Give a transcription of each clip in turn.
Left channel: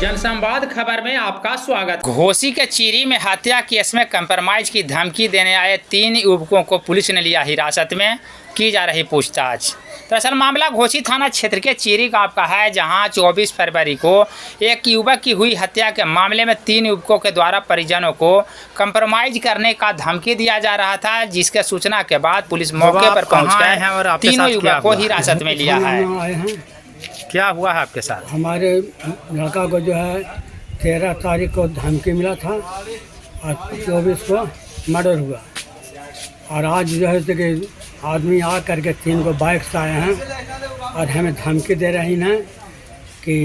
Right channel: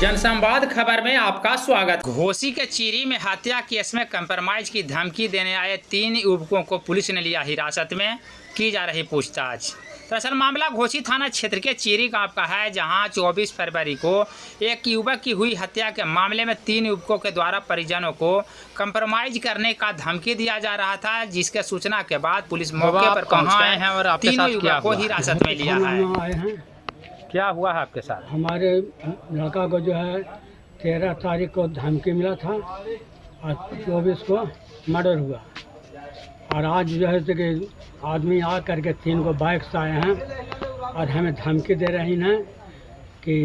जनसंवाद खबर में आपका स्वागत। घोसी के चीरी में हत्या केस में कंप्रोमाइज की धमकी देने आए 3 युवकों को पुलिस ने लिया हिरासत में, की जा रही पूछताछ। दरअसल मामला घोसी थाना क्षेत्र के चीरी गांव का है, जहां 24 फरवरी को एक युवक की हुई हत्या के मामले में 3 युवकों के द्वारा परिजनों को कंप्रोमाइज करने का धमकी दिया जा रहा था, जिसके सूचना के बाद पुलिस मौके पर पहुंचकर तीनों युवकों को हिरासत में लिया है। क्या हुआ है आपके साथ? हमारे लड़का को जो है 13 तारीख को धमकी मिला था और 24 को मर्डर हुआ, और आज जो है कि आदमी आ करके 3 को बाइक से आए हैं और हमें धमकी दे रही हैं कि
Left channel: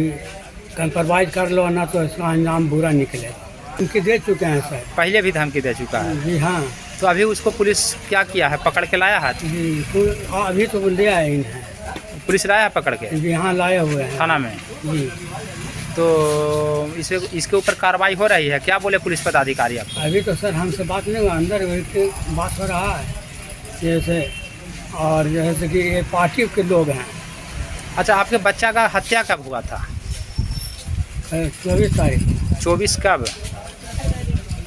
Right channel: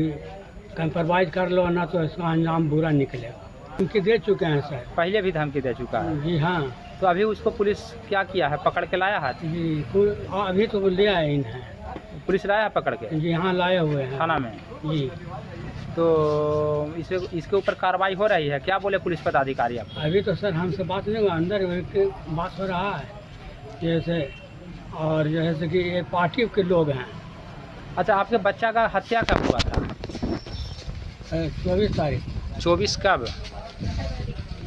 कंप्रोमाइज कर लो, ना तो इसका अंजाम बुरा निकलेगा। धमकी दे चुके हैं सर। पहले भी धमकी दे चुका है? जी हाँ। तो अभी उसको पुलिस क्या किया है, पकड़ के लाया है? जी अभी तो ले आए इन्हें, पुलिस लाया है पकड़ के? जी हाँ, लाए हुए हैं थाना में। जी। तो इसके ऊपर कार्रवाई हो रही है? क्या बोले पुलिस पदाधिकारी आपको? अभी तो सर हमसे बात नहीं हुआ, अंदर बात हो रहा है जैसे, और जैसे कि ये पार्टी के लोग हैं। अच्छा, आपके बच्चा का हत्या कब हुआ था? 24 तारीख। 24 कब?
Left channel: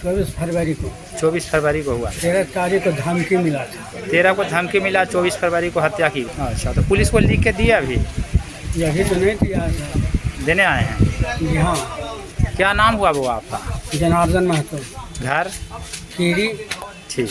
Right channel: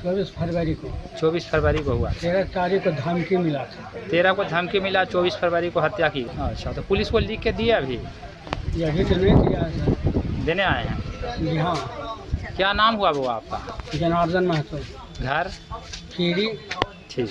24 फरवरी को। 24 फरवरी को हुआ। 13 तारीख को धमकी मिला था। 13 को धमकी मिला, 24 फरवरी को हत्या की। अच्छा, तो पुलिस को लिख के दिया अभी? अभी तो नहीं दिया, देने आए हैं? जी हाँ। क्या नाम हुआ वो आपका? जनार्दन महतो। घर? चीरी। ठीक।